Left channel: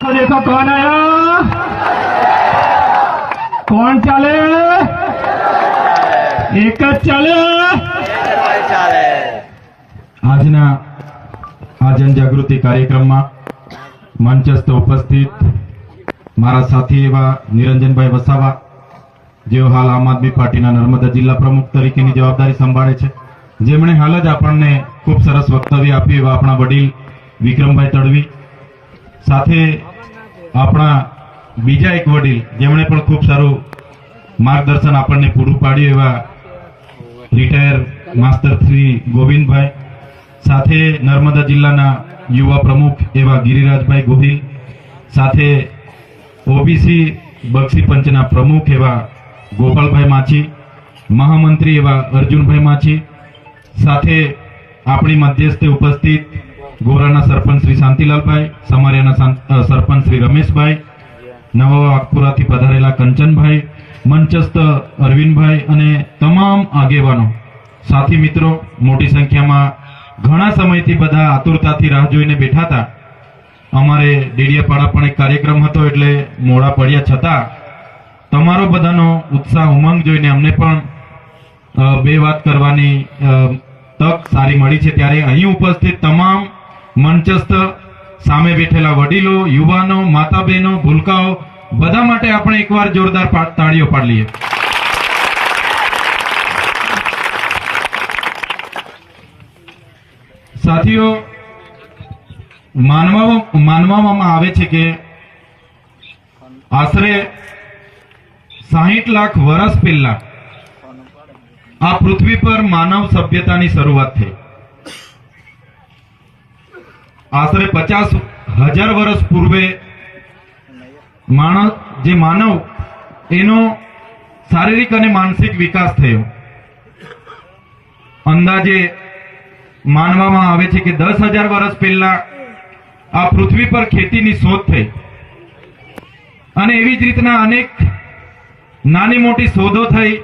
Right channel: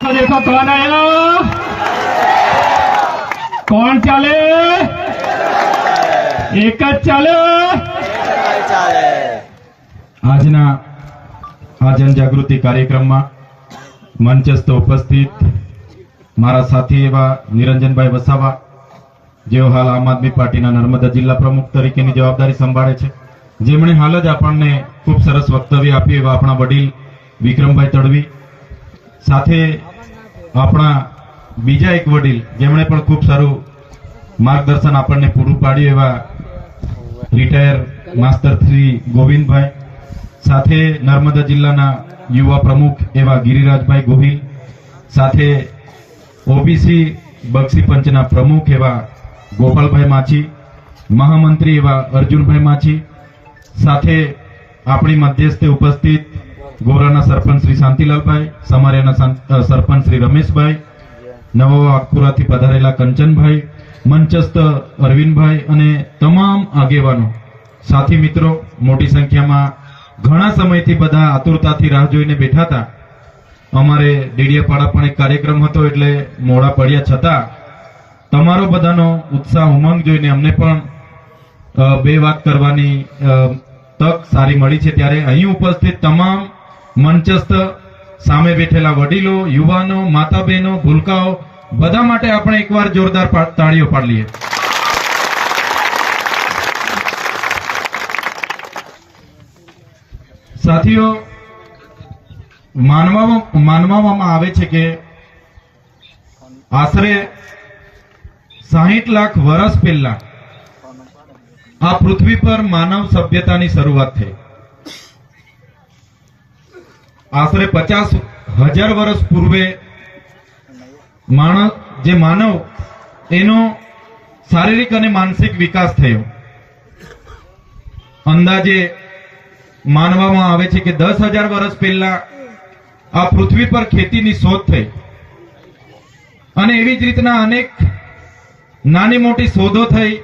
देखो कौन आया, कौन चाले, एक ज चाले। આજના આ જનજાગૃતિ કાર્યક્રમમાં મંચસ્થ ઉપસ્થિત મારા સાથી એવા નિરંજનભાઈ વસાવા, જેઓ હાલ આમ આદમી પાર્ટીના નર્મદા જિલ્લા પ્રમુખ તરીકેની જવાબદારી સંભાળે છે, જેમણે હાલ જ આપણને ખૂબ સરસ વક્તવ્ય આપ્યું એવા આપણા વડીલ વિક્રમભાઈ તડવી, સાથે આપણા બીજા એક વડીલ જેમણે પણ ખૂબ સારું માર્ગદર્શન આપણને પૂરું પાડ્યું એવા રિટાયર માસ્ટર શ્રી ગોવિંદભાઈ, સાથે નર્મદા જિલ્લાના યુવા પ્રમુખ એવા ગિરિરાજભાઈ ગોહિલ, સાથે ઓબીસી બક્ષી પંચના પ્રમુખ એવા ગોપાલભાઈ માછી, મહામંત્રી એવા અર્જુનભાઈ માછી, સાથે આપણી મધ્યસ્થે ઉપસ્થિત ગોરાના સરપંચ શ્રી શાંતિલાલભાઈ, સમારિયાના સરપંચ શ્રી રમેશભાઈ, નવો આગપુરાથી પધારેલા કંચનભાઈ, મંચસ્થ અરવિંદભાઈ અને તમામ આગેવાનો, સાથી મિત્રો, મોટી સંખ્યામાં ઘણા સમયથી બધા આતુરતાથી રાહ જોઈને બેઠા હતા. અમારે ડેડિયાપાડા પણ એક કાર્યક્રમ હતો એટલે મોડા પડ્યા, છતાં તમારો બધાનો ઉત્સાહ ઉમંગ જોઈને અમને પણ બે વાત કરવાની તક સારી મળી છે. ત્યારે અહીં ઉપસ્થિત તમામ મંચસ્થ સામે બેઠેલા વડીલો, યુવાનો, માતા બહેનો, ભૂલકાઓ બધા માટે આપણે એકવાર જોરદાર તાળીઓ પાડી લઈએ. સાથીઓ, માનવામાં આવે છે કે આશરે 60 લાખ વર્ષ પહેલા આ પૃથ્વી પર માનવ સભ્યતાની શરૂઆત થઈ. આશરે 50,000 વર્ષ પૂર્વે માનવ એનો શારીરિક અને માનસિક વિકાસ થયો. અંદાજે માનવામાં આવે છે કે 10,000 વર્ષ પહેલા આ પૃથ્વી પર ખેતીની શોધ થઈ અને એવી જ રીતના અનેક નાની મોટી શોધો થઈ.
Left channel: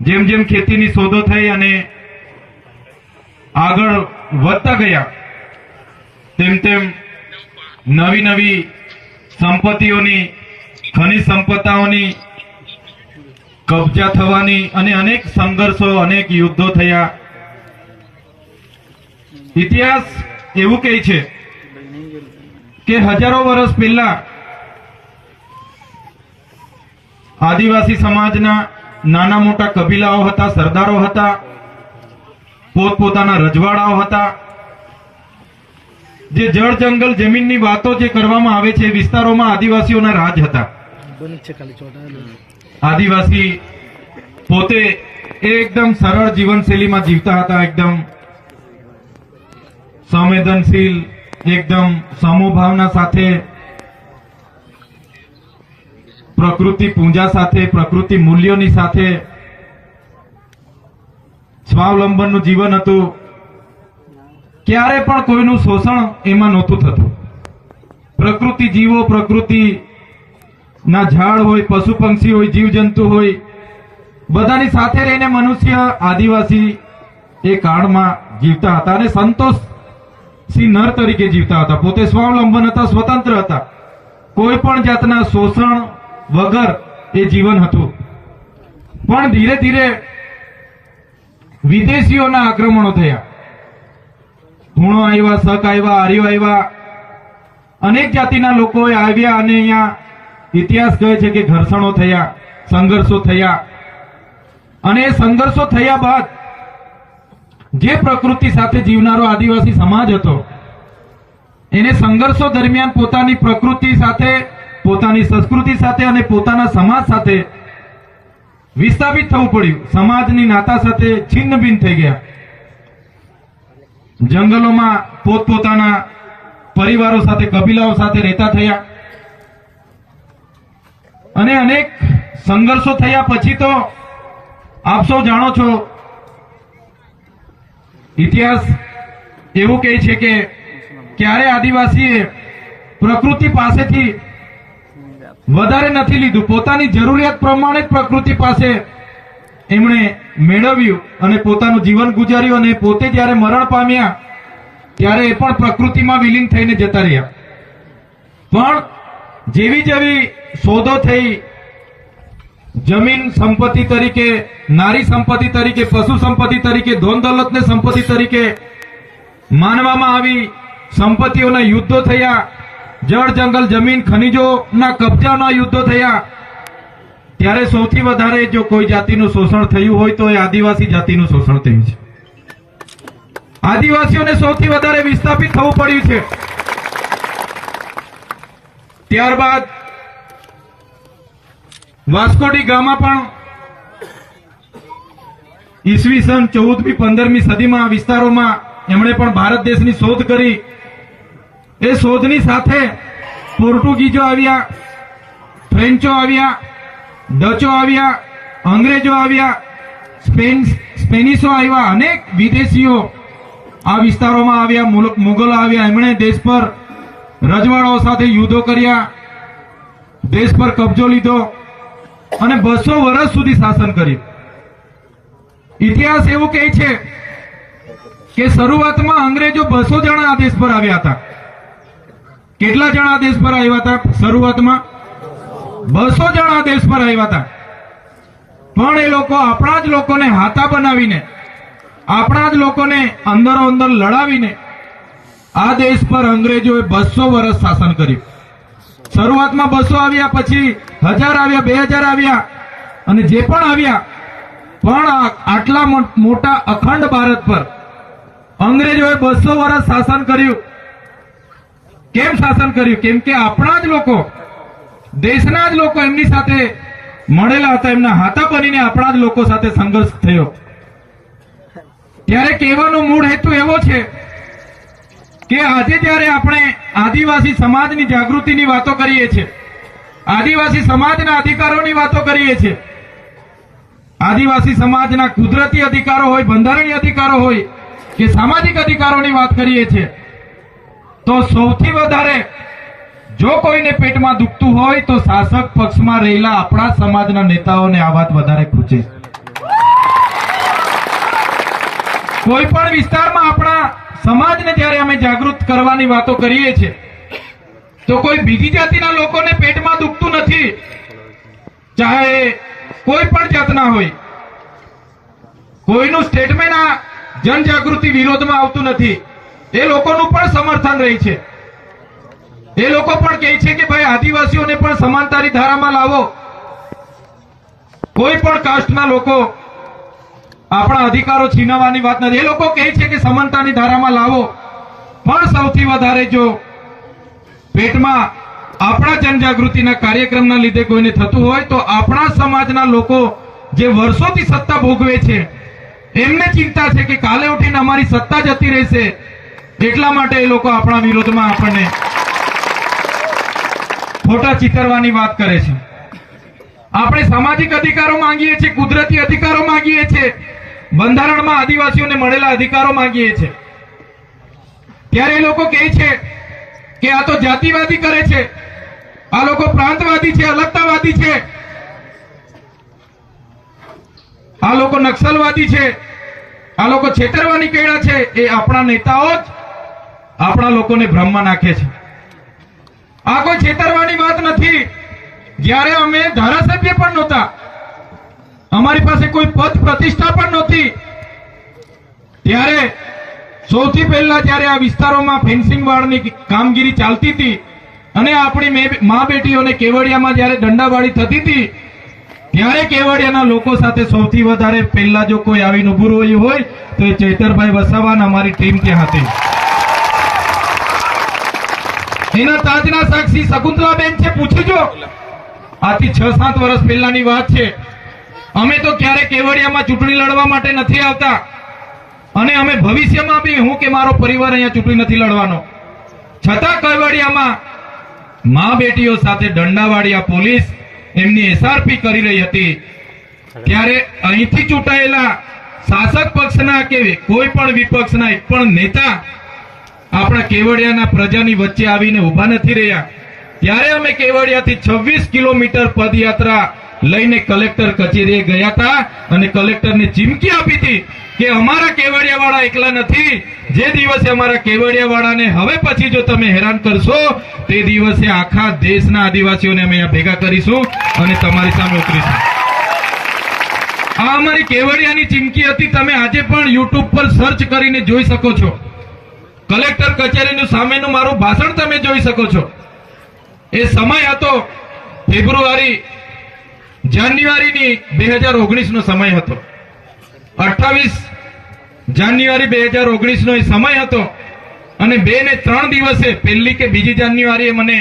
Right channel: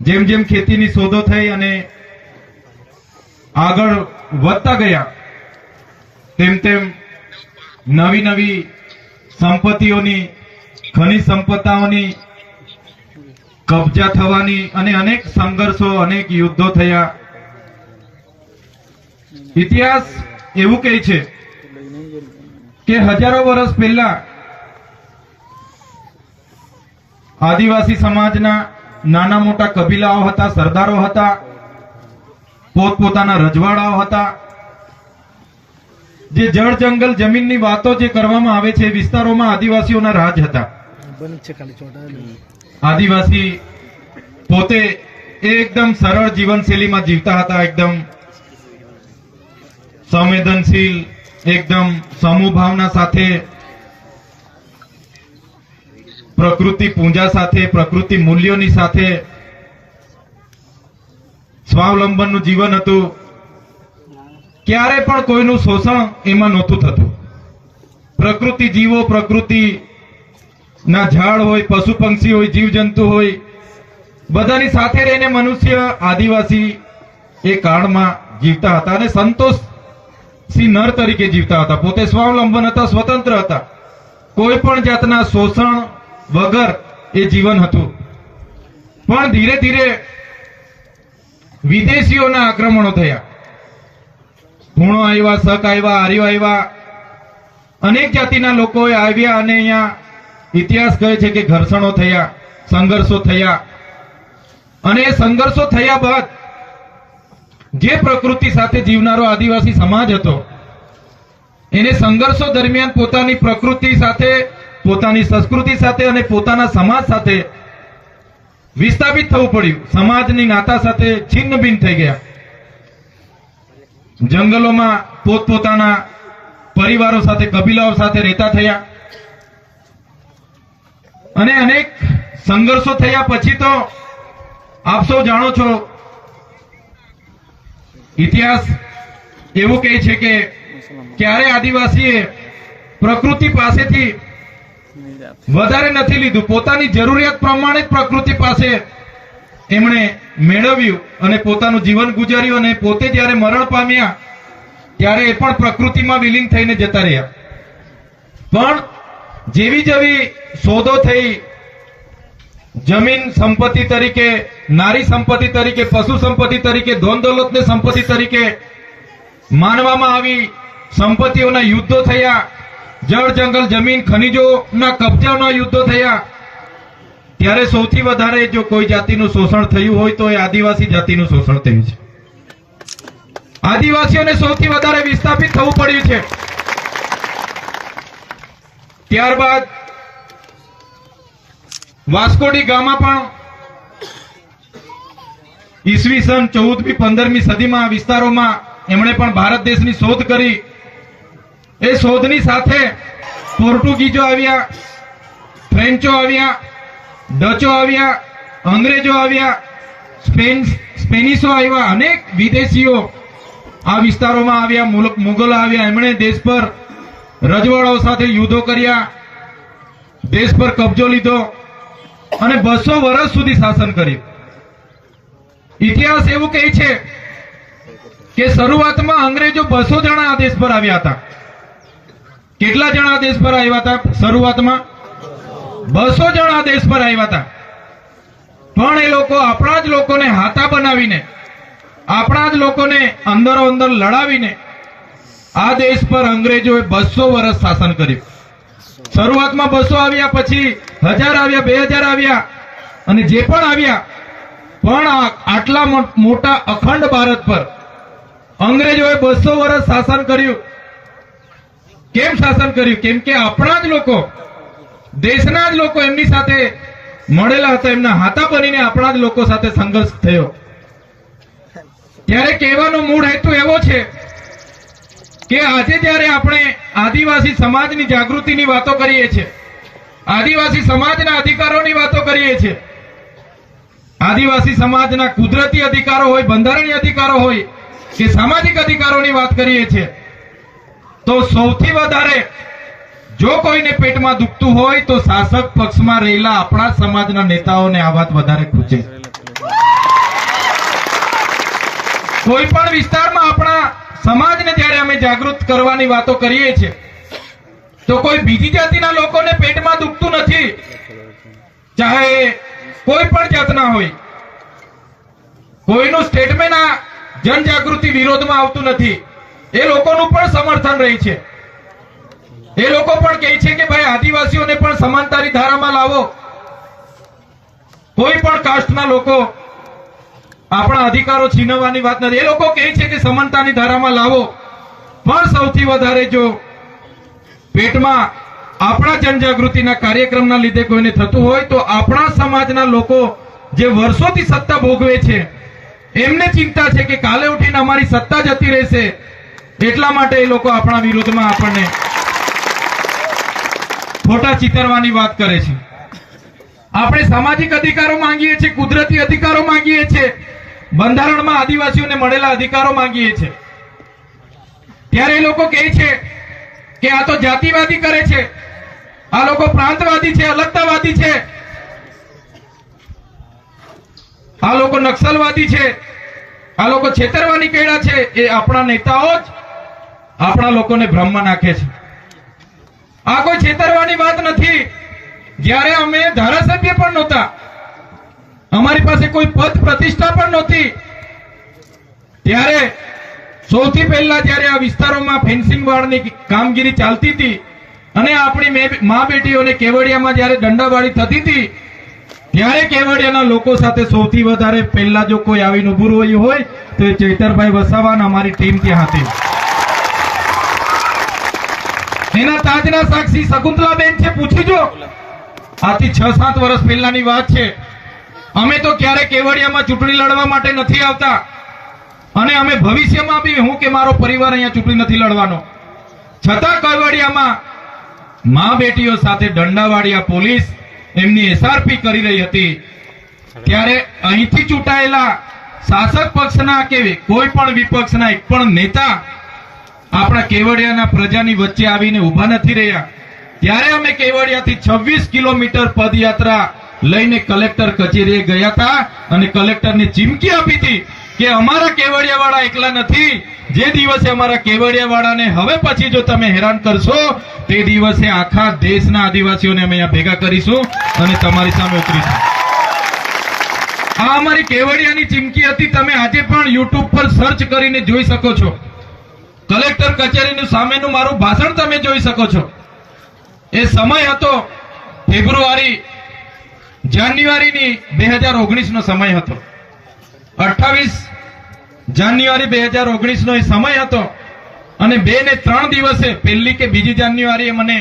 જેમ જેમ ખેતીની શોધો થઈ અને આગળ વધતા ગયા તેમ તેમ નવી નવી સંપત્તિઓની, ખનિજ સંપદાઓની કબજા થવાની અને અનેક સંઘર્ષો, અનેક યુદ્ધો થયા. ઇતિહાસ એવું કહે છે કે હજારો વર્ષ પહેલા આદિવાસી સમાજના નાના મોટા કબીલાઓ હતા, સરદારો હતા, પોતપોતાના રજવાડાઓ હતા. જે જળ જંગલ જમીનની વાતો જે કરવામાં આવે છે, વિસ્તારોમાં આદિવાસીઓના રાજ હતા. આદિવાસી પોતે એકદમ સરળ જીવનશૈલીમાં જીવતા હતા, એકદમ સંવેદનશીલ, એકદમ સમૂહભાવના સાથે, પ્રકૃતિ પૂજા સાથે, પ્રકૃતિ મૂલ્યોની સાથે સ્વાવલંબનનું જીવન હતું. ક્યારે પણ કોઈનું શોષણ એમાં નહોતું થતું. પ્રકૃતિ જીવો, પ્રકૃતિના ઝાડ હોય, પશુ પક્ષી હોય, જીવજંતુ હોય, બધાની સાથે રહીને મનુષ્ય, આદિવાસી એ કાળમાં જીવતા હતા અને સંતોષ નર તરીકે જીવતા હતા. પોતે સ્વાવલંબન હતા, સ્વતંત્ર હતા. કોઈ પણ જાતના શોષણ વગર એ જીવન હતું. પણ ધીરે ધીરે વિદેશીઓના આક્રમણો થયા. હુણો આવ્યા, શક આવ્યા, આર્યો આવ્યા, અનેક જાતિના લોકો આવ્યા અને અહીંયા ઇતિહાસ કહે છે કે ઘર્ષણો થયા, સંઘર્ષો થયા. અને એ સંઘર્ષો થયા બાદ જે પ્રકૃતિ સાથે જીવનારો આદિવાસી સમાજ હતો એને સંઘર્ષો દરમિયાન પોતાની પ્રકૃતિ સાથે, પોતાની સંસ્કૃતિ સાથે અને પોતાના સમાજ સાથે વિસ્થાપિત થવું પડ્યું. સમાજની નાતા સાથે છિન્ન ભિન્ન થઈ ગયા. જંગલોમાં પોતપોતાના પરિવારો સાથે, કબીલાઓ સાથે રહેતા થયા અને અનેક સંઘર્ષો થયા. પછી તો આપ સૌ જાણો છો, ઇતિહાસ એવું કહે છે કે ક્યારે આદિવાસીએ પ્રકૃતિ પાસેથી વધારે નથી લીધું, પોતાની જરૂરિયાત પ્રમાણે જ પ્રકૃતિ પાસે એમણે મેળવ્યું અને પોતાનું જીવન ગુજાર્યું. અને પોતે જ્યારે મરણ પામ્યા ત્યારે એ પણ પ્રકૃતિમાં વિલીન થઈને જતા રહ્યા. પણ જેવી જેવી શોધો થઈ, જમીન સંપત્તિ તરીકે, નારી સંપત્તિ તરીકે, પશુ સંપત્તિ તરીકે, ધન દોલતને સંપત્તિ તરીકે માનવામાં આવી, સંપત્તિઓના યુદ્ધો થયા, જળ જંગલ જમીન ખનીજોના કબજાના યુદ્ધો થયા, ત્યારે સૌથી વધારે જો કોઈ જાતિનું શોષણ થયું હોય તો એ આદિવાસી જાતિનું શોષણ થયું છે. આદિવાસીઓને સૌથી વધારે વિસ્થાપિત થવું પડ્યું છે. ત્યારબાદ વાસ્કો ડી ગામા પણ ઈસવીસન 14મી 15મી સદીમાં આ વિસ્તારોમાં એમણે પણ ભારત દેશની શોધ કરી. એ શોધની સાથે પોર્ટુગીઝો આવ્યા, ફ્રેન્ચો આવ્યા, ડચો આવ્યા, અંગ્રેજો આવ્યા, સ્પેનિશો આવ્યા, અનેક વિદેશીઓ આ વિસ્તારોમાં આવ્યા, મુગલો આવ્યા. એમણે દેશ પર રજવાડાઓ સાથે યુદ્ધો કર્યા, દેશ પર કબજો લીધો અને 200 વર્ષ સુધી શાસન કર્યું. ઇતિહાસ એવું કહે છે કે શરૂઆતમાં અંગ્રેજો 200 જણા આ દેશ પર આવ્યા હતા. કેટલા જણા આ દેશ પર આવ્યા હતા? શરૂઆતમાં 200 જણા આ દેશ પર આવ્યા હતા. પણ એ લોકો આપણા જ લોકોને હાથા બનાવીને, આપણા જ લોકોને અંદરો અંદર લડાવીને આ દેશ પર અંગ્રેજોએ 200 વર્ષ શાસન કર્યું. શરૂઆતમાં 200 આવ્યા, પછી 1000 આવ્યા, 2000 આવ્યા, અને જે પણ આવ્યા, પણ આટલા મોટા અખંડ ભારત પર અંગ્રેજોએ 200 વર્ષ શાસન કર્યું. કેમ શાસન કર્યું? કેમ કે આપણા જ લોકો, દેશના જ લોકો એમની સાથે મળેલા હતા, એમના હાથા બનીને આપણા જ લોકો સાથે સંઘર્ષ થયો. ત્યારે કહેવાનો મૂળ હેતુ એવો છે કે આજે જ્યારે આપણે આદિવાસી સમાજની જાગૃતિની વાતો કરીએ છીએ, આદિવાસી સમાજના અધિકારોની વાતો કરીએ છીએ, આદિવાસી સમાજના કુદરતી અધિકારો હોય, બંધારણીય અધિકારો હોય કે સામાજિક અધિકારોની વાત કરીએ છીએ, તો સૌથી વધારે જો કોઈને પેટમાં દુખતું હોય તો શાસક પક્ષમાં રહેલા આપણા સમાજના નેતાઓને આ વાત વધારે ખૂચે. કોઈ પણ વિસ્તારમાં આપણા સમાજને જ્યારે અમે જાગૃત કરવાની વાતો કરીએ છીએ તો કોઈ બીજી જાતિના લોકોને પેટમાં દુખતું નથી, ચાહે કોઈ પણ જાતના હોય. કોઈનું સ્ટેટમેન્ટ આ જનજાગૃતિ વિરોધમાં આવતું નથી. એ લોકોનું પણ સમર્થન રહે છે. એ લોકો પણ કહે છે કે ભાઈ આદિવાસીઓને પણ સમાનતાની ધારામાં લાવો. કોઈ પણ કાસ્ટના લોકો આપણા અધિકારો છીનવવાની વાત નથી. એ લોકો કહે છે કે સમાનતાની ધારામાં લાવો. પણ સૌથી વધારે જો પેટમાં આપણા જનજાગૃતિના કાર્યક્રમના લીધે કોઈને થતું હોય તો આપણા સમાજના લોકો જે વર્ષોથી સત્તા ભોગવે છે એમને ચિંતા છે કે કાલે ઉઠીને અમારી સત્તા જતી રહેશે, એટલા માટે એ લોકો આપણા વિરોધમાં આપણને ખોટા ચિતરવાની વાત કરે છે. આપણે સામાજિક અધિકારો માંગીએ છીએ, કુદરતી અધિકારો માંગીએ છીએ, બંધારણમાં આદિવાસીઓને મળેલા અધિકારો માંગીએ છીએ. ત્યારે એ લોકો કહે છે કે આ તો જાતિવાદી કરે છે, આ લોકો પ્રાંતવાદી છે, અલગતાવાદી છે, આ લોકો નક્સલવાદી છે, આ લોકો છેતરવાની કર્યા છે. એ આપણા નેતાઓ જ આપણા લોકોને ભ્રમમાં નાખે છે. આ કોઈ છેતરવાની વાત નથી. જ્યારે અમે ધારાસભ્ય પણ નહોતા, અમારી પાસે કોઈ પદ પ્રતિષ્ઠા પણ નહોતી, ત્યારે સૌથી પહેલા જ્યારે આ વિસ્તારોમાં ફેન્સિંગ વાળની કામગીરી ચાલતી હતી અને આપણી મા બેટીઓને કેવડિયામાં જ્યારે દંડાવાળી થતી હતી, ત્યારે કેવડિયાના લોકો સાથે સૌથી વધારે પહેલા જો કોઈ આવીને ઉભું રહ્યું હોય તો એ ચૈતરભાઈ વસાવા અમારી ટીમ ત્યાં હતી. એના તાજના સાક્ષી શકુંતલાબેન છે, પૂછીજો. આથી 6-7 વર્ષ પહેલાની વાત છે. અમે તો ક્યારે કેવડિયામાં ચૂંટણી લડવા માટે નથી આવતા અને અમે ભવિષ્યમાં બી, હું કે મારો પરિવાર અહીંયા ચૂંટણી નથી લડવાનો. છતાં કેવડિયામાં મા બેટીઓ સાથે દંડાવાળી આ પોલીસ એમની એસઆરપી કરી રહી હતી. ત્યારે અહીંથી ચૂંટાયેલા શાસક પક્ષના કે કોઈ પણ વિપક્ષના એક પણ નેતા આપણા કેવડિયાના પ્રજાની વચ્ચે આવીને ઉભા નથી રહ્યા. ત્યારે અમે કેવડિયાથી 26 કિલોમીટર પદયાત્રા લઈને કલેક્ટર કચેરીએ ગયા હતા અને કલેક્ટરને ચીમકી આપી હતી કે અમારા કેવડિયાવાળા એકલા નથી. જે દિવસે અમારા કેવડિયાવાળાને હવે પછી જો તમે હેરાન કરશો તે દિવસે આખા દેશના આદિવાસીઓને અમે અહીંયા ભેગા કરીશું અને તમારી સામે ઉતરીશું. આ અમારી કેવડિયાની ચીમકી હતી. તમે આજે પણ યુટ્યુબ પર સર્ચ કરીને જોઈ શકો છો. કલેક્ટર કચેરીનું સામેનું મારું ભાષણ તમે જોઈ શકો છો. એ સમય હતો જાન્યુઆરીની 2019 નો સમય હતો. 28 જાન્યુઆરી 2019 નો એ સમય હતો અને 2 ને 3 દિવસે પહેલી કે બીજી જાન્યુઆરીએ મને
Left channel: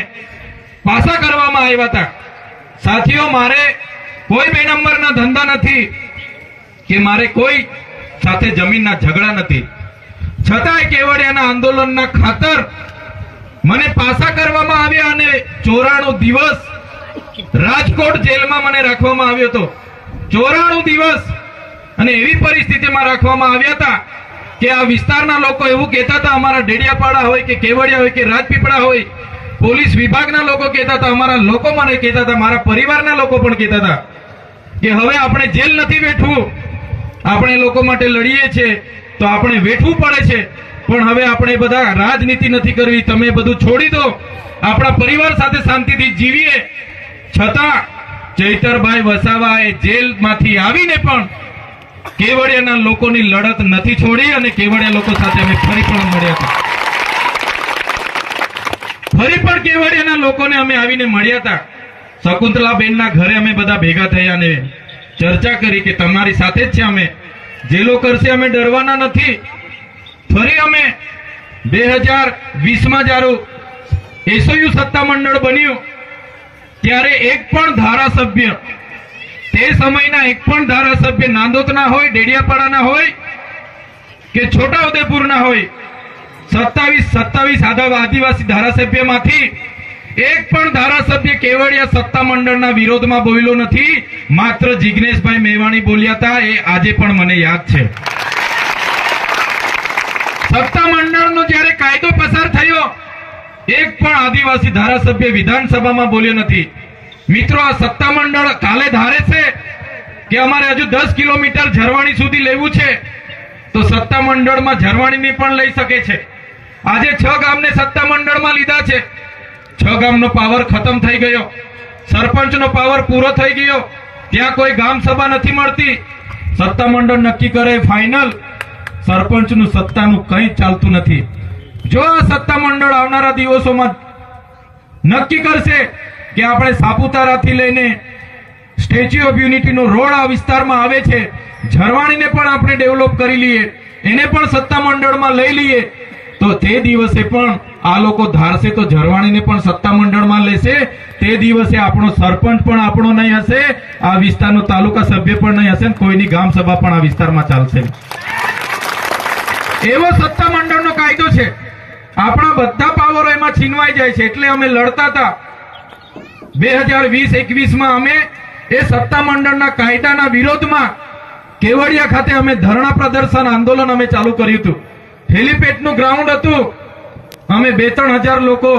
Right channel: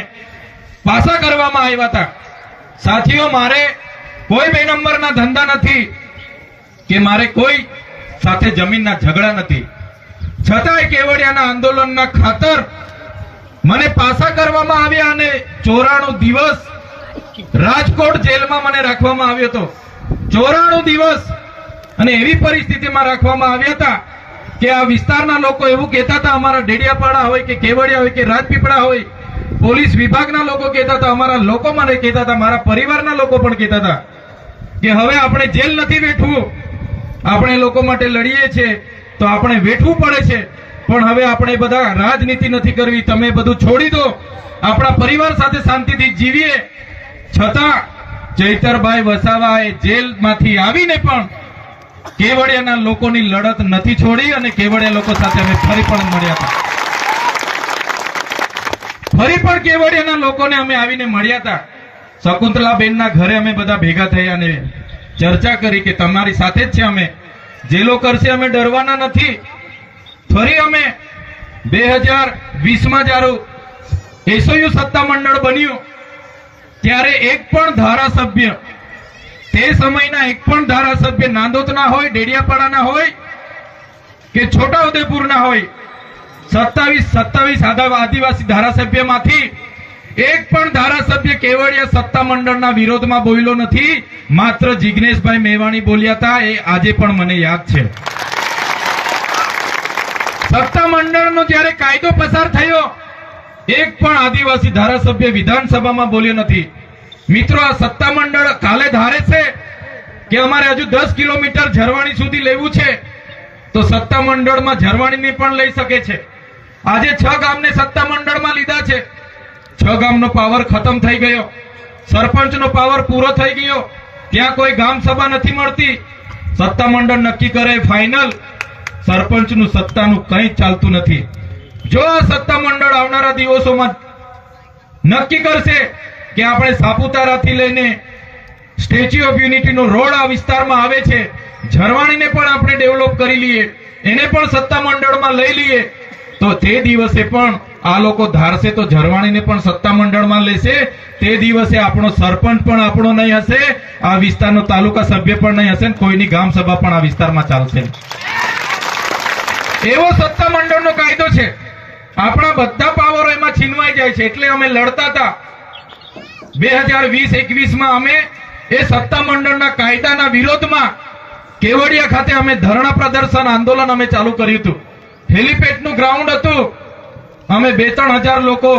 પાછા કરવામાં આવ્યા હતા. સાથીઓ, મારે કોઈ 2 નંબરના ધંધા નથી કે મારે કોઈ સાથે જમીનના ઝઘડા નથી. છતાંય કેવડિયાના આંદોલનના ખાતર મને પાછા કરવામાં આવ્યા અને 94 દિવસ રાજકોટ જેલમાં મને રાખવામાં આવ્યો હતો. 94 દિવસ અને એવી પરિસ્થિતિમાં રાખવામાં આવ્યા હતા કે આ વિસ્તારના લોકો એવું કહેતા હતા, અમારા ડેડિયાપાડા હોય કે કેવડિયા હોય કે રાજપીપળા હોય, પોલીસ વિભાગના લોકો કહેતા હતા, અમારા લોકો મને કહેતા હતા, મારા પરિવારના લોકો પણ કહેતા હતા કે હવે આપણે જેલ નથી બેઠવું, આપણે લોકો માટે લડીએ છીએ તો આપણે વેઠવું પડે છે, પણ હવે આપણે બધા રાજનીતિ નથી કરવી, તમે બધું છોડી દો, આપણા પરિવાર સાથે શાંતિથી જીવીએ. છતાં ચૈતરભાઈ વસાવાએ જેલમાંથી આવીને પણ કેવડિયાના લોકોની લડત નથી છોડી અને કેવડિયા લોકો સાથે અમે ફરી પણ મળ્યા હતા. ફરી પણ કેવડિયાના લોકોને અમે આવીને મળ્યા હતા. શકુંતલાબેનના ઘરે અમે બધા ભેગા થયા અને ચર્ચા કરી કે તમારી સાથે જ છે, અમે જેલો કરશે અમે ડરવાના નથી. ફરી અમે 2020માં જ્યારે એસઓયુ સત્તામંડળ બન્યું ત્યારે એક પણ ધારાસભ્ય, તે સમયના એક પણ ધારાસભ્ય નાંદોદના હોય, ડેડિયાપાડાના હોય કે છોટાઉદેપુરના હોય, 27 આદિવાસી ધારાસભ્યમાંથી એક પણ ધારાસભ્ય કેવડિયા સત્તામંડળના વિરોધમાં બોલ્યો નથી. માત્ર જિગ્નેશભાઈ મેવાણી બોલ્યા હતા. એ આજે પણ મને યાદ છે. સત્તામંડળનો જ્યારે કાયદો પસાર થયો, એક પણ આદિવાસી ધારાસભ્ય વિધાનસભામાં બોલ્યો નથી. મિત્રો, આ સત્તામંડળ કાલે ધારે છે કે અમારે હજુ 10 કિલોમીટર ઝરવાણી સુધી લેવું છે તો સત્તામંડળમાં ઝરવાણીની પણ લઈ શકે છે. આજે 6 ગામને સત્તામંડળમાં લીધા છે. 6 ગામનો પાવર ખતમ થઈ ગયો, સરપંચનો પાવર પૂરો થઈ ગયો, ત્યાં કોઈ ગામ સભા નથી મળતી. સત્તામંડળ નક્કી કરે ફાઇનલ, સરપંચનું સત્તાનું કંઈ ચાલતું નથી. જો આ સત્તામંડળ આવનારા દિવસોમાં નક્કી કરશે કે આપણે સાપુતારાથી લઈને સ્ટેચ્યુ ઓફ યુનિટીનો રોડ આ વિસ્તારમાં આવે છે, ઝરવાણીને પણ આપણે ડેવલપ કરી લઈએ, એને પણ સત્તામંડળમાં લઈ લઈએ, તો તે દિવસે પણ આ લોકો ધારશે તો ઝરવાણીને પણ સત્તામંડળમાં લેશે. તે દિવસે આપણો સરપંચ પણ આપણો નહીં હશે, આ વિસ્તારનો તાલુકા સભ્ય પણ નહીં હશે, કોઈની ગામ સભા પણ આ વિસ્તારમાં ચાલશે. એવો સત્તામંડળનો કાયદો છે. આપણા બધા પાવરો એમાં છીનવાઈ જાય છે. એટલે અમે લડતા હતા. 2020-21માં અમે એ સત્તામંડળના કાયદાના વિરોધમાં કેવડિયા ખાતે અમે ધરણા પ્રદર્શન આંદોલન અમે ચાલુ કર્યું હતું. હેલિપેડનું ગ્રાઉન્ડ હતું. અમે 2-3 હજાર લોકો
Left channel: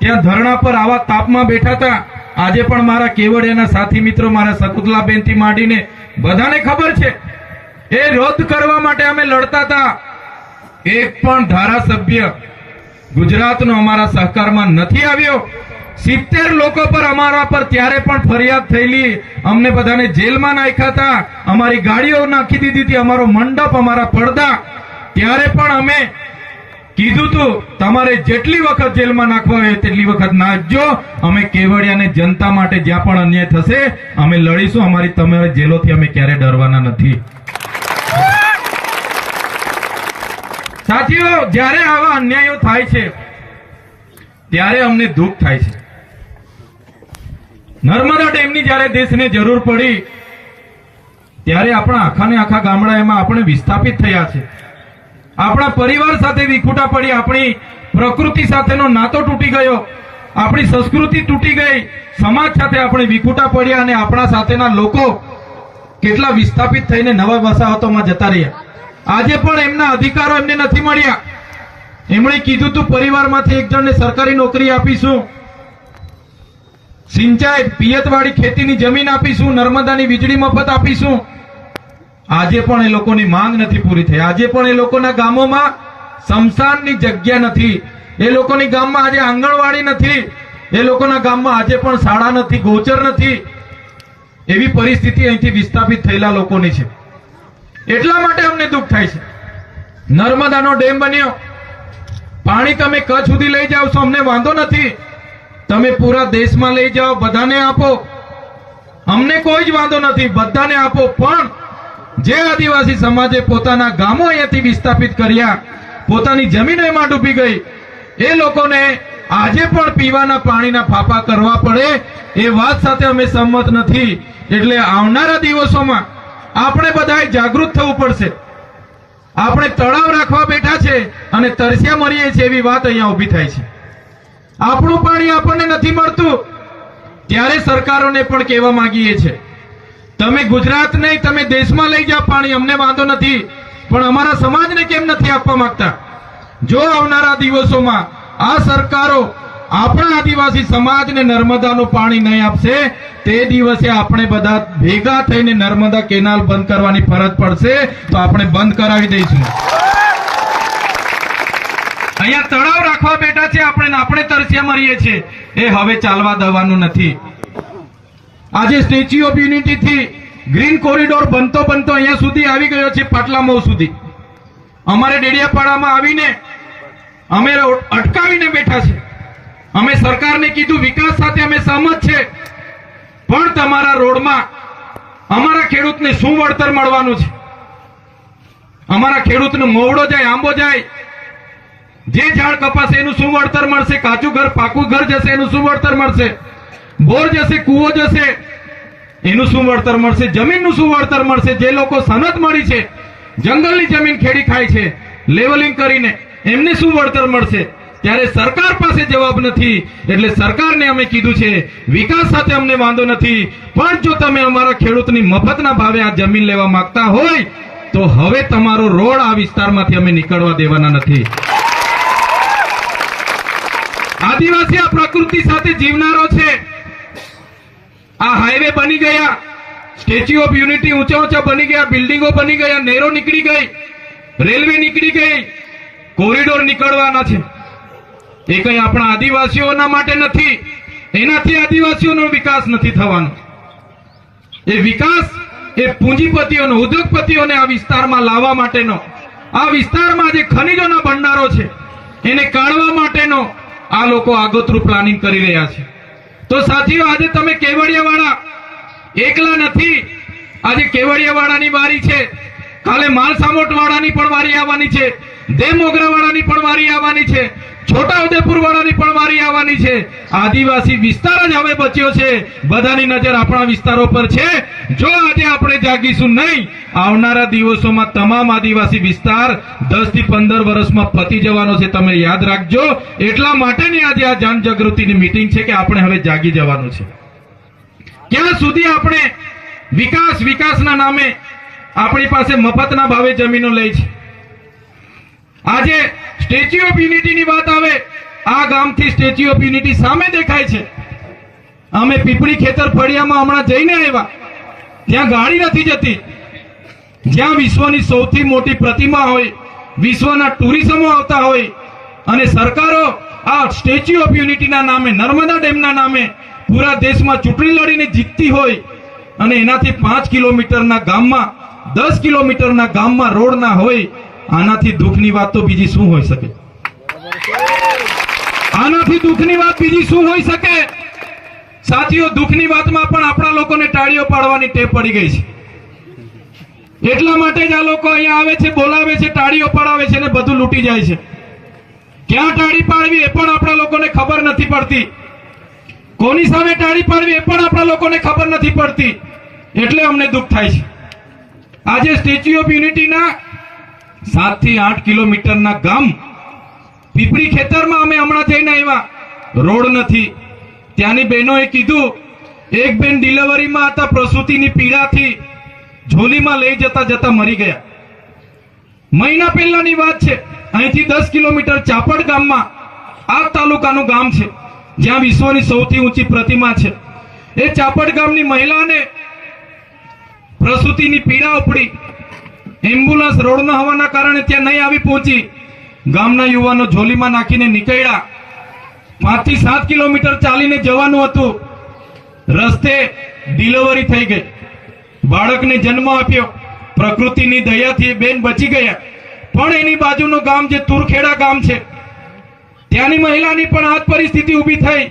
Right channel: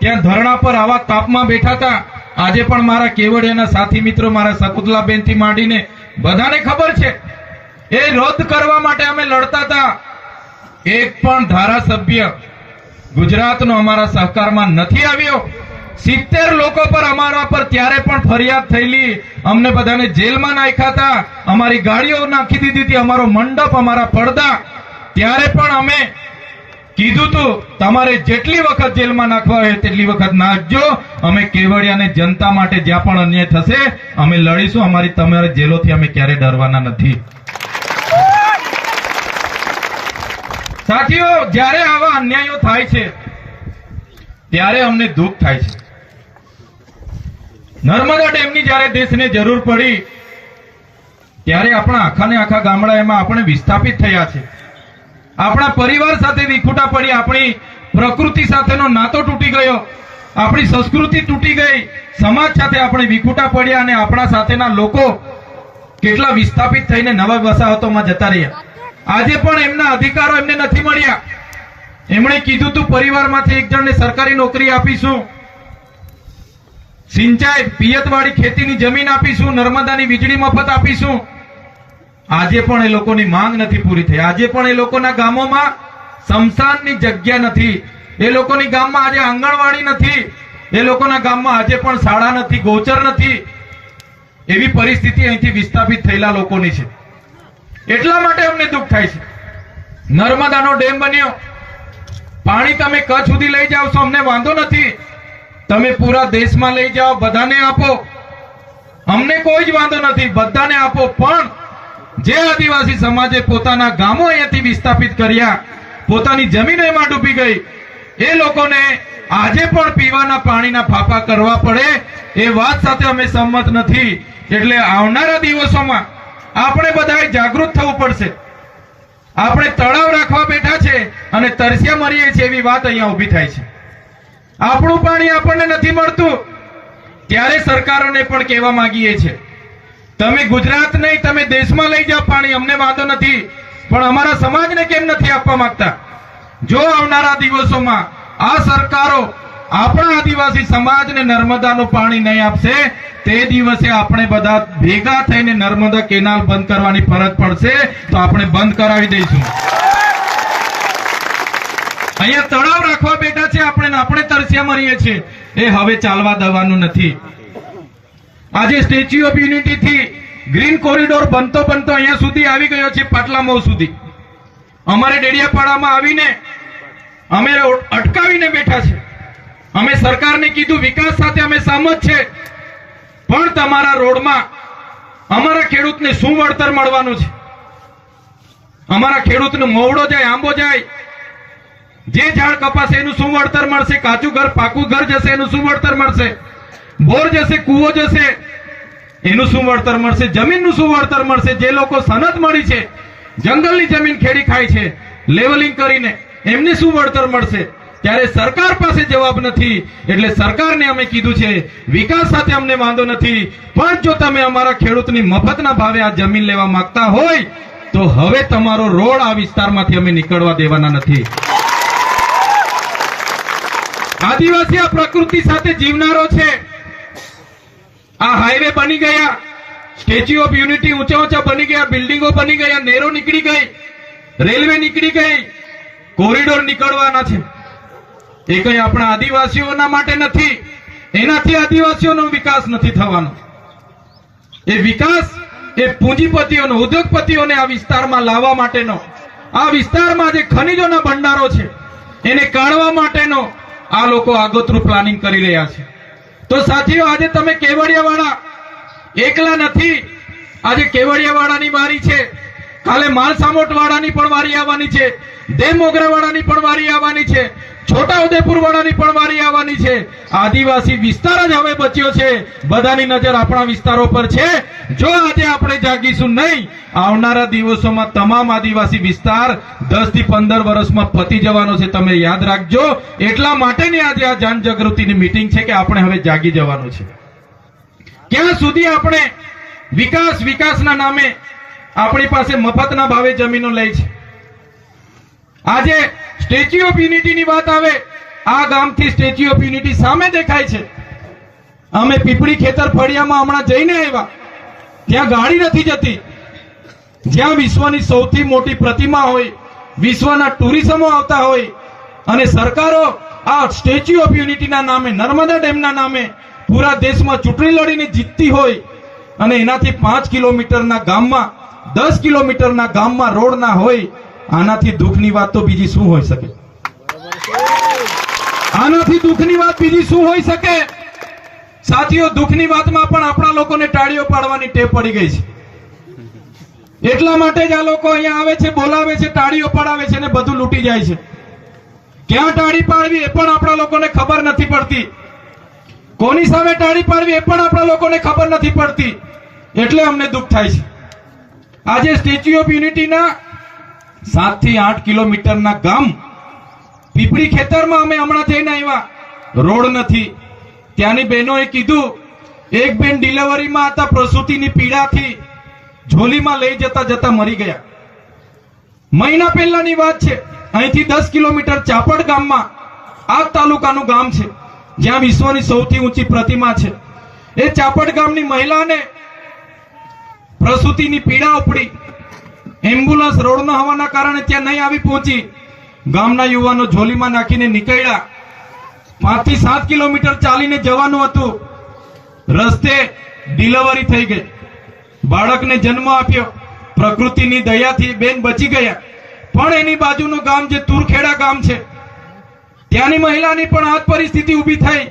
ત્યાં ધરણા પર આવા તાપમાં બેઠા હતા. આજે પણ મારા કેવડિયાના સાથી મિત્રો, મારા શકુંતલાબેનથી માંડીને બધાને ખબર છે, એ રદ કરવા માટે અમે લડતા હતા. એક પણ ધારાસભ્ય ગુજરાતનો અમારા સહકારમાં નથી આવ્યો. 70 લોકો પર અમારા પર ત્યારે પણ ફરિયાદ થયેલી, અમને બધાને જેલમાં નાખ્યા હતા, અમારી ગાડીઓ નાખી દીધી હતી, અમારો મંડપ, અમારા પડદા. ત્યારે પણ અમે કીધું હતું તમારે જેટલી વખત જેલમાં નાખવા હોય તેટલી વખત નાખજો, અમે કેવડિયાને જનતા માટે જ્યાં પણ અન્યાય થશે અમે લડીશું. અમારી તમારી જેલોથી અમે ક્યારે ડરવાના નથી. સાથીઓ, જ્યારે આવા અન્યાયો થાય છે ત્યારે અમને દુઃખ થાય છે. નર્મદા ડેમની જ્યારે દેશને જરૂર પડી ત્યારે આપણા આખાને આખા ગામડા એમાં આપણે વિસ્થાપિત થયા છે. આપણા પરિવાર સાથે વિખૂટા પડી, આપણી પ્રકૃતિ સાથેનો નાતો તૂટી ગયો, આપણી સંસ્કૃતિ તૂટી ગઈ, સમાજ સાથે આપણે વિખૂટા પડ્યા અને આપણા સાથેના લોકો કેટલા વિસ્થાપિત થઈને નવા વસાહતોમાં જતા રહ્યા. આજે પણ એમના અધિકારો એમને નથી મળ્યા. એમણે કીધું હતું પરિવારમાંથી એક જણને સરકારી નોકરી આપીશું, સિંચાઈ પિયતવાળી ખેતીની જમીન આપીશું, નર્મદાની વીજળી મફત આપીશું. આજે પણ એ લોકોની માંગ નથી પૂરી થઈ. આજે પણ એ લોકોના ગામોમાં સ્મશાનની જગ્યા નથી. એ લોકોની ગામમાં આજે આંગણવાડી નથી. એ લોકોના ગામમાં આજે પણ શાળા નથી, ગોચર નથી. એવી પરિસ્થિતિ અહીંથી વિસ્થાપિત થયેલા લોકોની છે. એટલા માટે અમને દુઃખ થાય છે. નર્મદાનો ડેમ બન્યો, પાણી તમે કચ્છ સુધી લઈ જાઓ છો, અમને વાંધો નથી. તમે પૂરા દેશમાં લઈ જાઓ, બધાને આપો, અમને કોઈ જ વાંધો નથી, બધાને આપો. પણ જે આદિવાસી સમાજે પોતાના ગામો અહીંયાથી વિસ્થાપિત કર્યા, પોતાની જમીન એમાં ડૂબી ગઈ, એ લોકોને આજે પણ પીવાના પાણીના ફાફા કરવા પડે, એ વાત સાથે અમે સંમત નથી. એટલે આવનારા દિવસોમાં આપણે બધાએ જાગૃત થવું પડશે. આપણે તળાવ રાખવા બેઠા છે અને તરસ્યા મરીએ છીએ એવી વાત અહીંયા ઉભી થાય છે. આપણું પાણી આપણને નથી મળતું, ત્યારે સરકારોને પણ કહેવા માંગીએ છીએ, તમે ગુજરાત નહીં, તમે દેશમાં લઈ જાઓ પાણી, અમને વાંધો નથી, પણ અમારા સમાજને કેમ નથી આપવા માંગતા? જો આવનારા દિવસોમાં આ સરકારો આપણા આદિવાસી સમાજને નર્મદાનું પાણી નહીં આપશે, તે દિવસે આપણે બધા ભેગા થઈને નર્મદા કેનાલ બંધ કરવાની ફરજ પડશે, તો આપણે બંધ કરાવી દઈશું. અહીંયા તળાવ રાખવા બેઠા છે આપણે તરસ્યા મરીએ છીએ, એ હવે ચાલવા દેવાનું નથી. આજે સ્ટેચ્યુ ઓફ યુનિટી થી ગ્રીન કોરિડોર બનતો અહીંયા સુધી આવી ગયો છે, પાટલા મોહ સુધી. અમારે ડેડિયાપાડામાં આવીને અમે અટકાવીને બેઠા છે. અમે સરકારને કીધું વિકાસ સાથે અમે સહમત છે, પણ તમારા રોડમાં અમારા ખેડૂતને શું વળતર મળવાનું છે? અમારા ખેડૂતનો મોવડો જાય, આંબો જાય, જે ઝાડ કપાશે એનું શું વળતર મળશે? કાચું ઘર, પાકું ઘર જશે એનું શું વળતર મળશે? બોર જશે, કૂવો જશે એનું શું વળતર મળશે? જમીનનું શું વળતર મળશે? જે લોકો સનદ મળી છે, જંગલની જમીન ખેડી ખાય છે લેવલિંગ કરીને, એમને શું વળતર મળશે? ત્યારે સરકાર પાસે જવાબ નથી. એટલે સરકારને અમે કીધું છે વિકાસ સાથે અમને વાંધો નથી, પણ જો તમે અમારા ખેડૂતની મફતના ભાવે આ જમીન લેવા માંગતા હોય તો હવે તમારો રોડ આ વિસ્તારમાંથી અમે નીકળવા દેવાના નથી. આદિવાસી આ પ્રકૃતિ સાથે જીવનારો છે. આ હાઈવે બની ગયા, સ્ટેચ્યુ ઓફ યુનિટી ઊંચા બની ગયા, બિલ્ડિંગો બની ગયા, નહેરો નીકળી ગઈ, રેલવે નીકળી ગઈ, કોરિડોર નીકળવાના છે. એ કઈ આપણા આદિવાસીઓના માટે નથી. એનાથી આદિવાસીઓનો વિકાસ નથી થવાનો. એ વિકાસ એ પૂંજીપતિઓનો, ઉદ્યોગપતિઓને આ વિસ્તારમાં લાવવા માટેનો, આ વિસ્તારમાં જે ખનીજોના ભંડારો છે એને કાઢવા માટેનો આ લોકો આગોતરું પ્લાનિંગ કરી રહ્યા છે. તો સાથીઓ, આજે તમે કેવડિયાવાળા એકલા નથી. આજે કેવડિયાવાળાની વારી છે, કાલે માલસામોટવાળાની પણ વારી આવવાની છે, દેવમોગરાવાળાની પણ વારી આવવાની છે, છોટાઉદેપુર વાળાની પણ વારી આવવાની છે. આદિવાસી વિસ્તાર જ હવે બચ્યો છે. બધાની નજર આપણા વિસ્તારો પર છે. જો આજે આપણે જાગીશું નહીં, આવનારા દિવસોમાં તમામ આદિવાસી વિસ્તાર 10 થી 15 વર્ષમાં પતી જવાનો છે. તમે યાદ રાખજો. એટલા માટેની આજે આ જનજાગૃતિની મીટિંગ છે કે આપણે હવે જાગી જવાનું છે. ક્યાં સુધી આપણે વિકાસના નામે આપણી પાસે મફતના ભાવે જમીનો લઈ છે? આજે સ્ટેચ્યુ ઓફ યુનિટીની વાત આવે, આ ગામથી સ્ટેચ્યુ ઓફ યુનિટી સામે દેખાય છે. અમે પીપળી ખેતર ફળિયામાં હમણાં જઈને આવ્યા, ત્યાં ગાડી નથી જતી. જ્યાં વિશ્વની સૌથી મોટી પ્રતિમા હોય, વિશ્વના ટુરિઝમો આવતા હોય, અને સરકારો આ સ્ટેચ્યુ ઓફ યુનિટીના નામે, નર્મદા ડેમના નામે પૂરા દેશમાં ચૂંટણી લડીને જીતતી હોય, અને એનાથી 5 કિલોમીટરના ગામમાં, 10 કિલોમીટરના ગામમાં રોડ ના હોય, આનાથી દુઃખની વાત તો બીજી શું હોઈ શકે? આનાથી દુઃખની વાત બીજી શું હોઈ શકે? સાથીઓ, દુઃખની વાતમાં પણ આપણા લોકોને તાળીઓ પાડવાની ટેવ પડી ગઈ છે. એટલા માટે જ આ લોકો અહીંયા આવે છે, બોલાવે છે, તાળીઓ પડાવે છે અને બધું લૂંટી જાય છે. ક્યાં તાળી પાડવી એ પણ આપણા લોકોને ખબર નથી પડતી. કોની સામે તાળી પાડવી એ પણ આપણા લોકોને ખબર નથી પડતી. એટલે અમને દુઃખ થાય છે. આજે સ્ટેચ્યુ ઓફ યુનિટીના 7 થી 8 કિલોમીટરના ગામ પીપળી ખેતરમાં અમે હમણાં જઈને આવ્યા, રોડ નથી. ત્યાંની બહેનોએ કીધું, એક બેન ડિલિવરીમાં હતા, પ્રસૂતિની પીડાથી ઝોલીમાં લઈ જતા મરી ગયા. મહિના પહેલાની વાત છે. અહીંથી 10 કિલોમીટર ચાપડ ગામમાં, આ તાલુકાનું ગામ છે, જ્યાં વિશ્વની સૌથી ઊંચી પ્રતિમા છે. એ ચાપડ ગામની મહિલાને પ્રસૂતિની પીડા ઉપડી, એમ્બ્યુલન્સ રોડ ન હોવાના કારણે ત્યાં નહીં આવી પહોંચી. ગામના યુવાનો ઝોલીમાં નાખીને નીકળ્યા. 5 થી 7 કિલોમીટર ચાલીને જવાનું હતું. રસ્તે ડિલિવરી થઈ ગઈ. બાળકને જન્મ આપ્યો. પ્રકૃતિની દયાથી બેન બચી ગયા. પણ એની બાજુનું ગામ જે તુરખેડા ગામ છે, ત્યાંની મહિલાની પણ આ જ પરિસ્થિતિ ઊભી થઈ.